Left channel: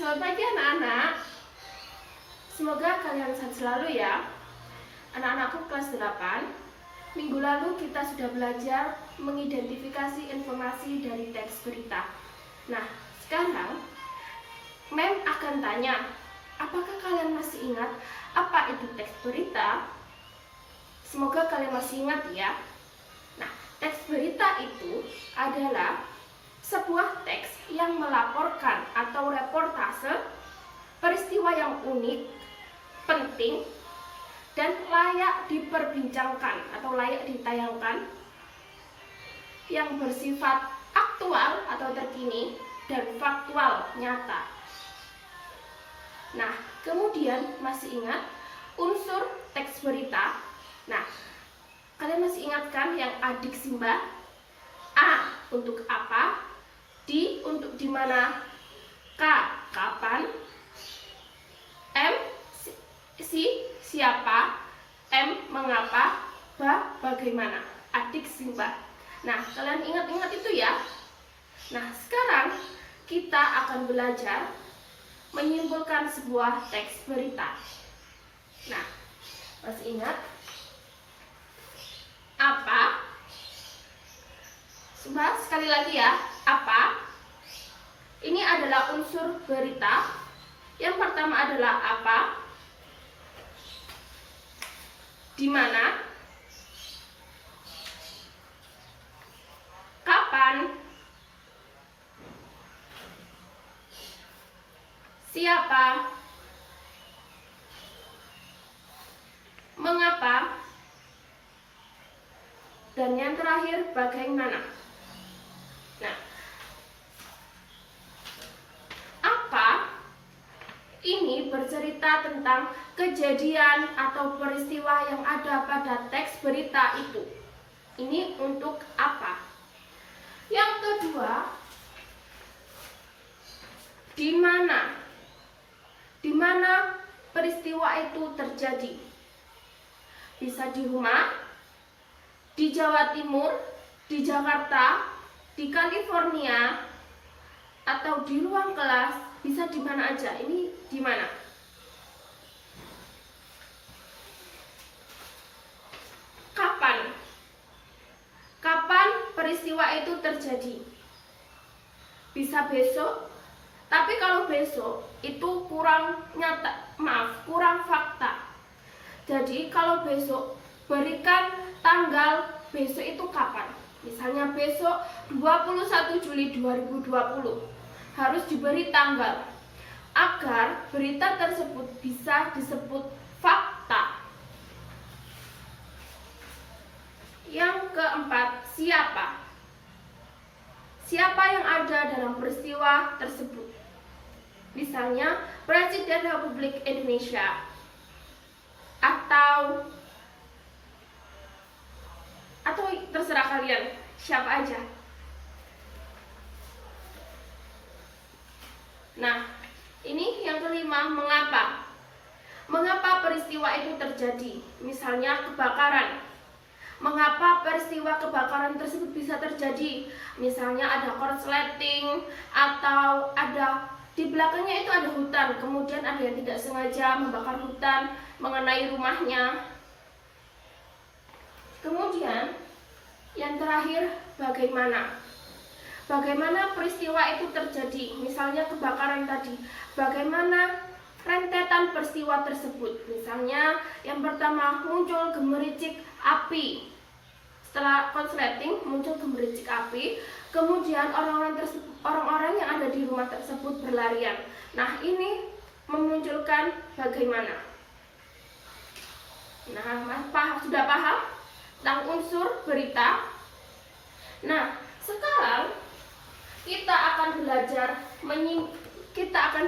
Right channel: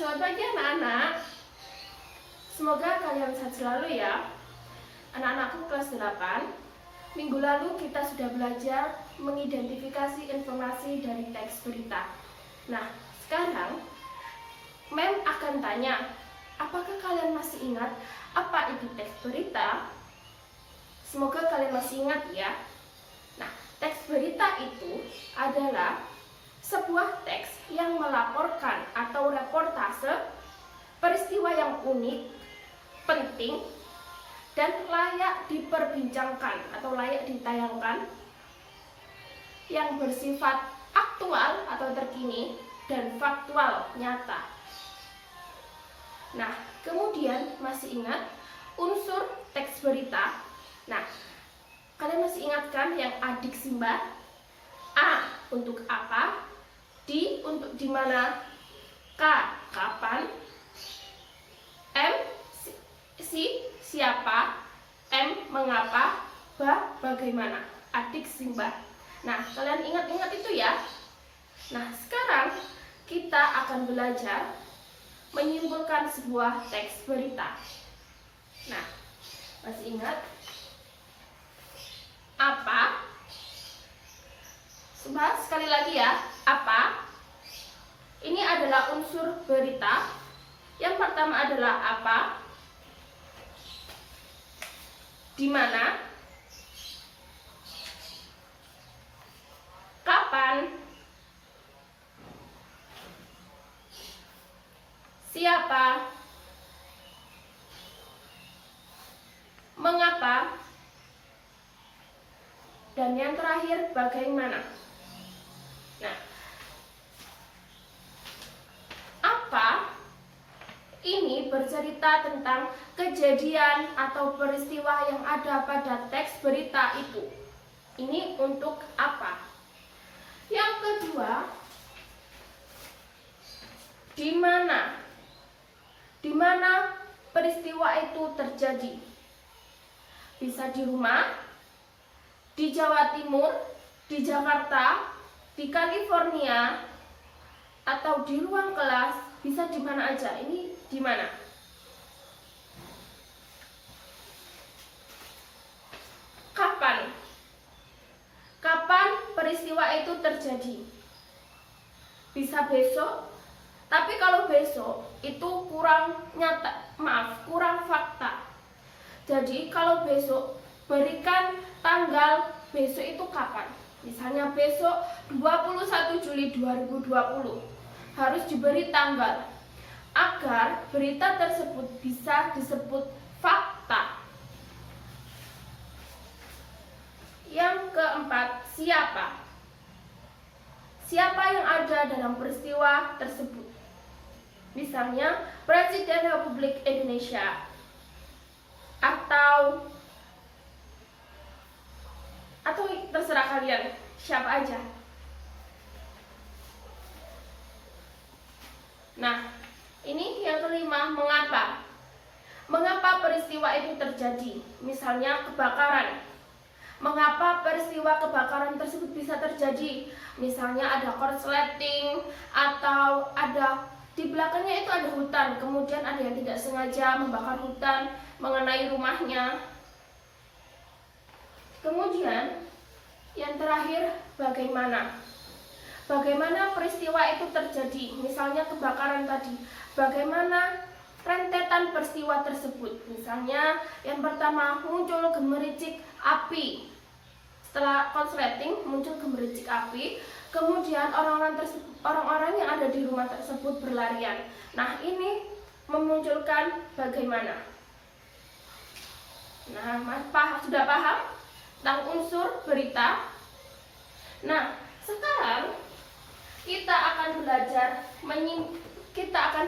Selamat pagi anak-anak. Semoga kalian sehat selalu ya. Anak-anakku kelas 8. Minggu lalu kita sudah belajar mengidentifikasi informasi dari teks berita. Nah, sekarang Mem akan tanya, apakah kalian masih ingat apa itu teks berita? Semoga kalian masih ingat ya. Nah, teks berita itu adalah sebuah teks yang melaporkan atau reportase peristiwa yang unik, penting, dan layak diperbincangkan atau layak ditayangkan, yang bersifat aktual atau terkini dan faktual nyata. Nah, kemudian masih ingat unsur teks berita? Nah, kalian masih ingat kan yang adik Simba? A untuk apa, D untuk di mana, K kapan, M siapa, M mengapa, B bagaimana. Adik Simba. Nah, kalian ingat-ingat itu ya. Nah, sekarang kita akan belajar menyimpulkan sebuah teks berita. Nah, masih ingat apa? Coba sekali lagi ya, apa? Ini adalah unsur berita. Yang pertama adalah apa, di mana, kapan, siapa, mengapa, dan yang terakhir bagaimana. Nah, apa ini bercerita tentang kejadian atau peristiwa yang ada pada teks berita itu. Ini untuk apa? Yang kedua, di mana? Di mana peristiwa itu terjadi? Bisa di rumah, di Jawa Timur, di Jakarta, di California, atau di ruang kelas, bisa di mana aja. Ini di mana? Kapan? Kapan peristiwa itu terjadi? Bisa besok, tapi kalau besok itu kurang nyata, kurang fakta. Jadi kalau besok, berikan tanggal besok itu kapan. Misalnya besok 21 Juli 2020 harus diberi tanggal agar berita tersebut bisa disebut fakta. Yang keempat, siapa? Siapa yang ada dalam peristiwa tersebut? Misalnya Presiden Republik Indonesia, atau terserah kalian, siapa aja. Nah, ini yang kelima, mengapa? Mengapa peristiwa itu terjadi? Misalnya kebakaran. Mengapa peristiwa kebakaran tersebut bisa terjadi? Misalnya ada korsleting, atau ada di belakangnya itu ada hutan, kemudian ada yang tidak sengaja membakar hutan mengenai rumahnya. Kemudian yang terakhir, bagaimana? Bagaimana peristiwa itu terjadi? Misalnya kebakaran tadi, bagaimana rentetan peristiwa tersebut? Misalnya yang pertama, muncul gemericik api. Setelah konsleting muncul gemericik api, kemudian orang-orang yang ada di rumah tersebut berlarian. Nah, ini memunculkan bagaimana? Nah, sudah paham tentang unsur berita? Nah, sekarang kita akan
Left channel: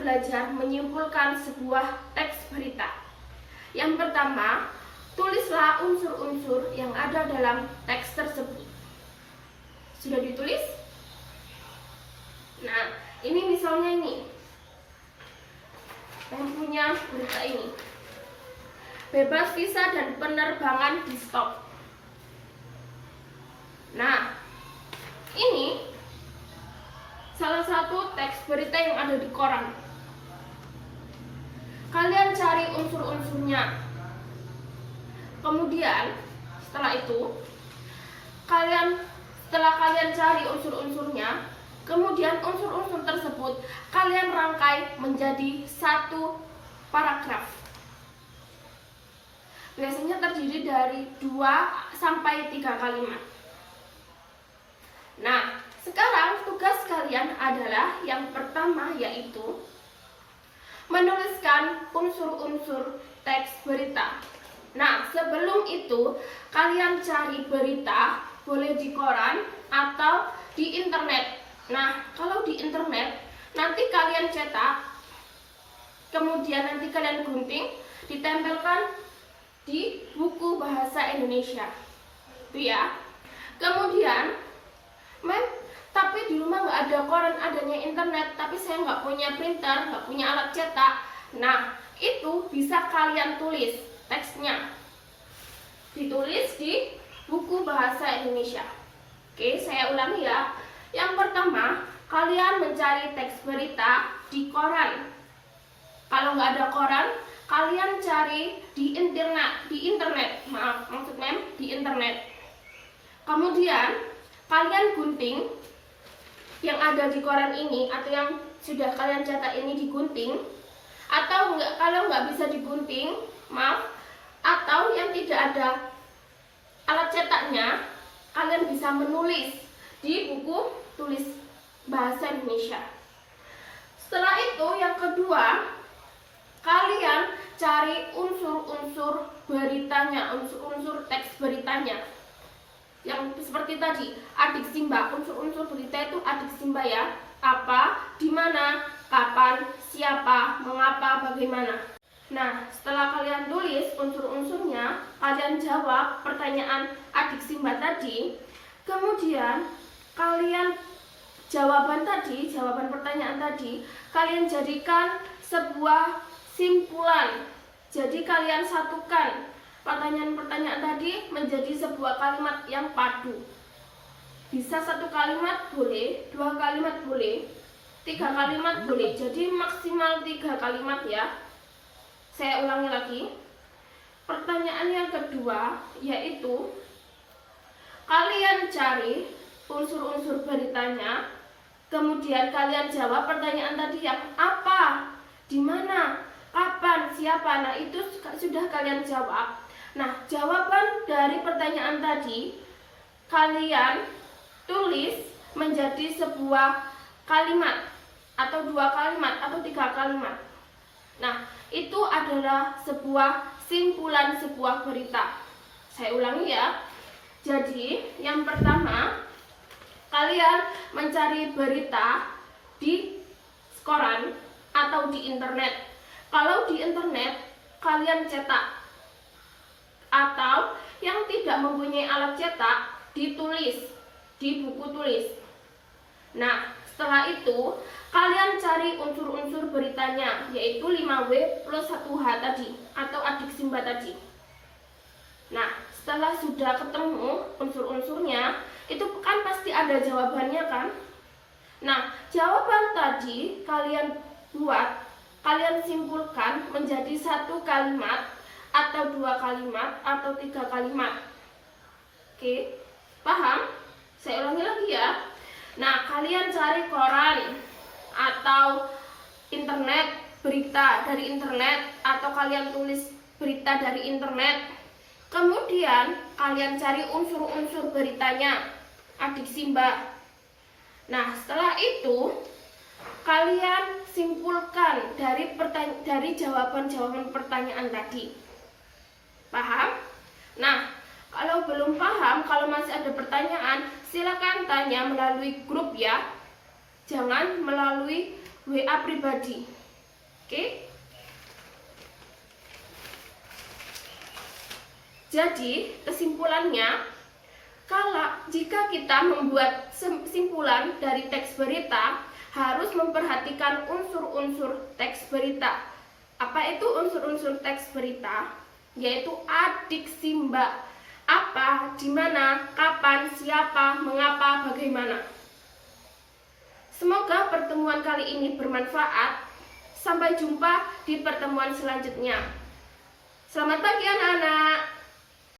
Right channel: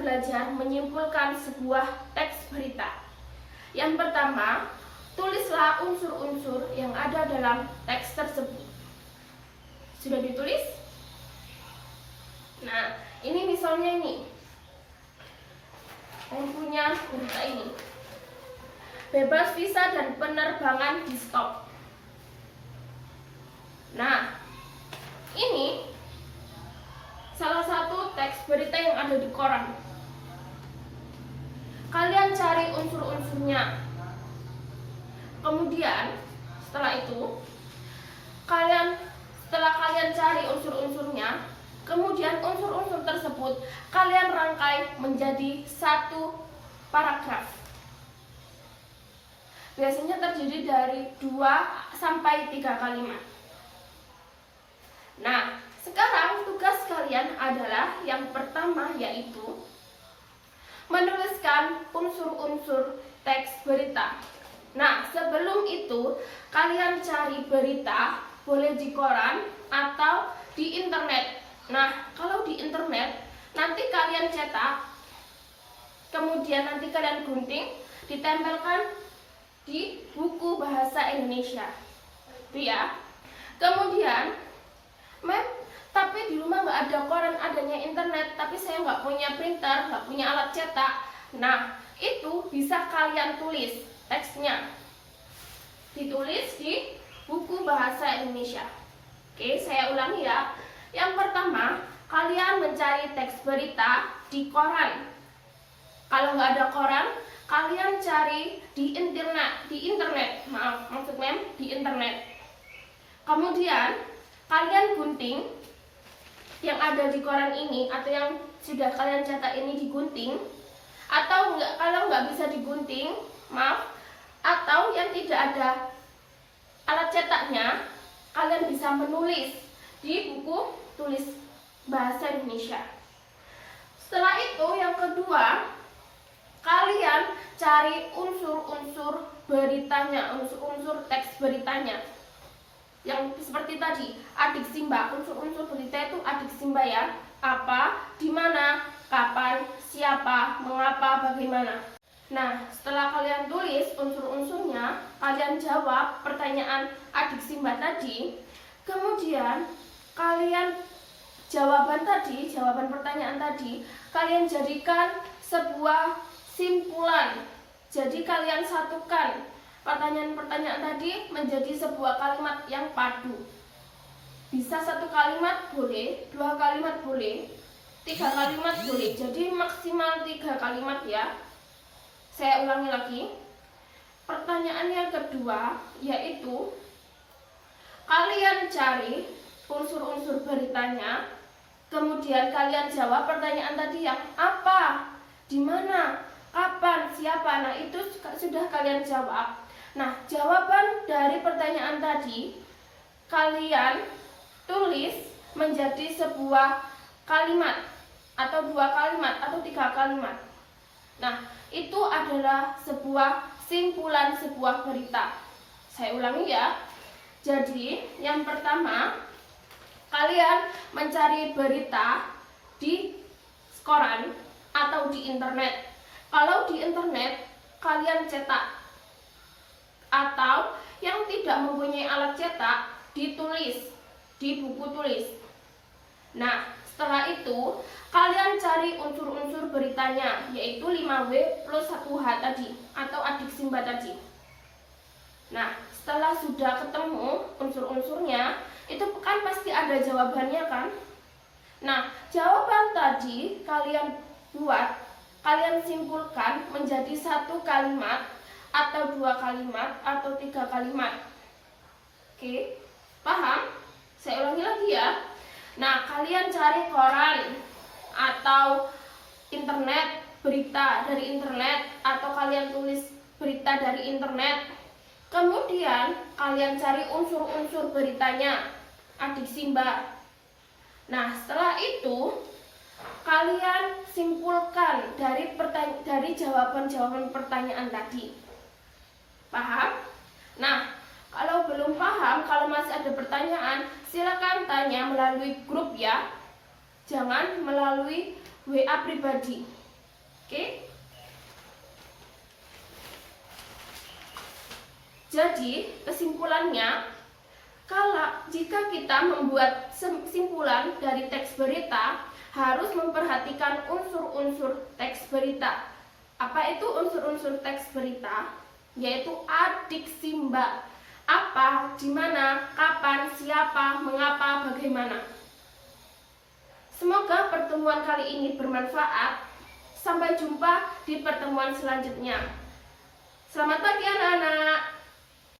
belajar menyimpulkan sebuah teks berita. Yang pertama, tulislah unsur-unsur yang ada dalam teks tersebut. Sudah ditulis? Nah, ini misalnya ini. Yang punya berita ini. Bebas visa dan penerbangan di stop. Nah, ini salah satu teks berita yang ada di koran. kalian cari unsur-unsurnya. Kemudian setelah itu setelah kalian cari unsur-unsurnya, kemudian unsur-unsur tersebut kalian rangkai menjadi satu paragraf. Biasanya terdiri dari 2 sampai 3 kalimat. Nah, sekarang tugas kalian adalah yang pertama, yaitu menuliskan unsur-unsur teks berita. Nah, sebelum itu kalian cari berita, boleh di koran atau di internet. Nah, kalau di internet nanti kalian cetak, kemudian nanti kalian gunting, ditempelkan di buku bahasa Indonesia. Itu ya. Kemudian, tapi di rumah nggak ada koran, adanya internet, tapi saya nggak punya printer, nggak punya alat cetak. Nah, itu bisa kalian tulis teksnya. Ditulis di buku bahasa Indonesia. Oke, saya ulangi ya. Yang pertama, kalian mencari teks berita di koran. Kalau nggak ada koran, kalian cari di internet. Di internet. Kemudian kalian gunting yang ada di koran ini atau yang sudah kalian cetak ini digunting, atau kalau nggak bisa digunting, atau yang tidak ada alat cetaknya, kalian bisa menulis di buku tulis bahasa Indonesia. Setelah itu yang kedua, kalian cari unsur-unsur beritanya, unsur-unsur teks beritanya. Yang seperti tadi, adiksi Mbak, unsur-unsur berita itu adiksi Mbak ya. Apa, di mana, kapan, siapa, mengapa, bagaimana. Nah, setelah kalian tulis unsur-unsurnya, kalian jawab pertanyaan adiksi Mbak tadi. Kemudian kalian jawaban pertanyaan tadi, kalian jadikan sebuah simpulan. Jadi kalian satukan pertanyaan-pertanyaan tadi menjadi sebuah kalimat yang padu. Bisa 1 kalimat boleh, 2 kalimat boleh, 3 kalimat boleh. Jadi maksimal 3 kalimat ya. Saya ulangi lagi. Pertanyaan yang kedua yaitu kalian cari unsur-unsur beritanya, kemudian kalian jawab pertanyaan tadi yang apa, di mana, kapan, siapa. Nah, itu sudah kalian jawab. Nah, jawaban dari pertanyaan tadi kalian tulis menjadi sebuah kalimat atau 2 kalimat atau 3 kalimat. Nah, itu adalah sebuah simpulan sebuah berita. Saya ulangi ya. Jadi, yang pertama, kalian mencari berita di koran atau di internet. Kalau di internet, kalian cetak. Atau yang tidak mempunyai alat cetak, ditulis di buku tulis. Nah, setelah itu kalian cari unsur-unsur beritanya, yaitu 5W plus 1H tadi atau adiksi Mbak tadi. Nah, setelah sudah ketemu unsur-unsurnya, itu kan pasti ada jawabannya kan? Nah, jawaban tadi kalian buat, kalian simpulkan menjadi 1 kalimat atau 2 kalimat atau 3 kalimat. Oke, paham? Saya ulangi lagi ya. Nah, kalian cari koran atau internet, berita dari internet, atau kalian tulis berita dari internet. Kemudian kalian cari unsur-unsur beritanya, adiksi Mbak. Nah, setelah itu kalian simpulkan dari jawaban-jawaban pertanyaan tadi. Paham? Nah, kalau belum paham, kalau masih ada pertanyaan, silakan tanya melalui grup ya. Jangan melalui WA pribadi. Oke? Jadi, kesimpulannya, jika kita membuat simpulan dari teks berita, harus memperhatikan unsur-unsur teks berita. Apa itu unsur-unsur teks berita? Yaitu adiksi Mbak. Apa, di mana, kapan, siapa, mengapa, bagaimana. Semoga pertemuan kali ini bermanfaat. Sampai jumpa di pertemuan selanjutnya. Selamat pagi anak-anak.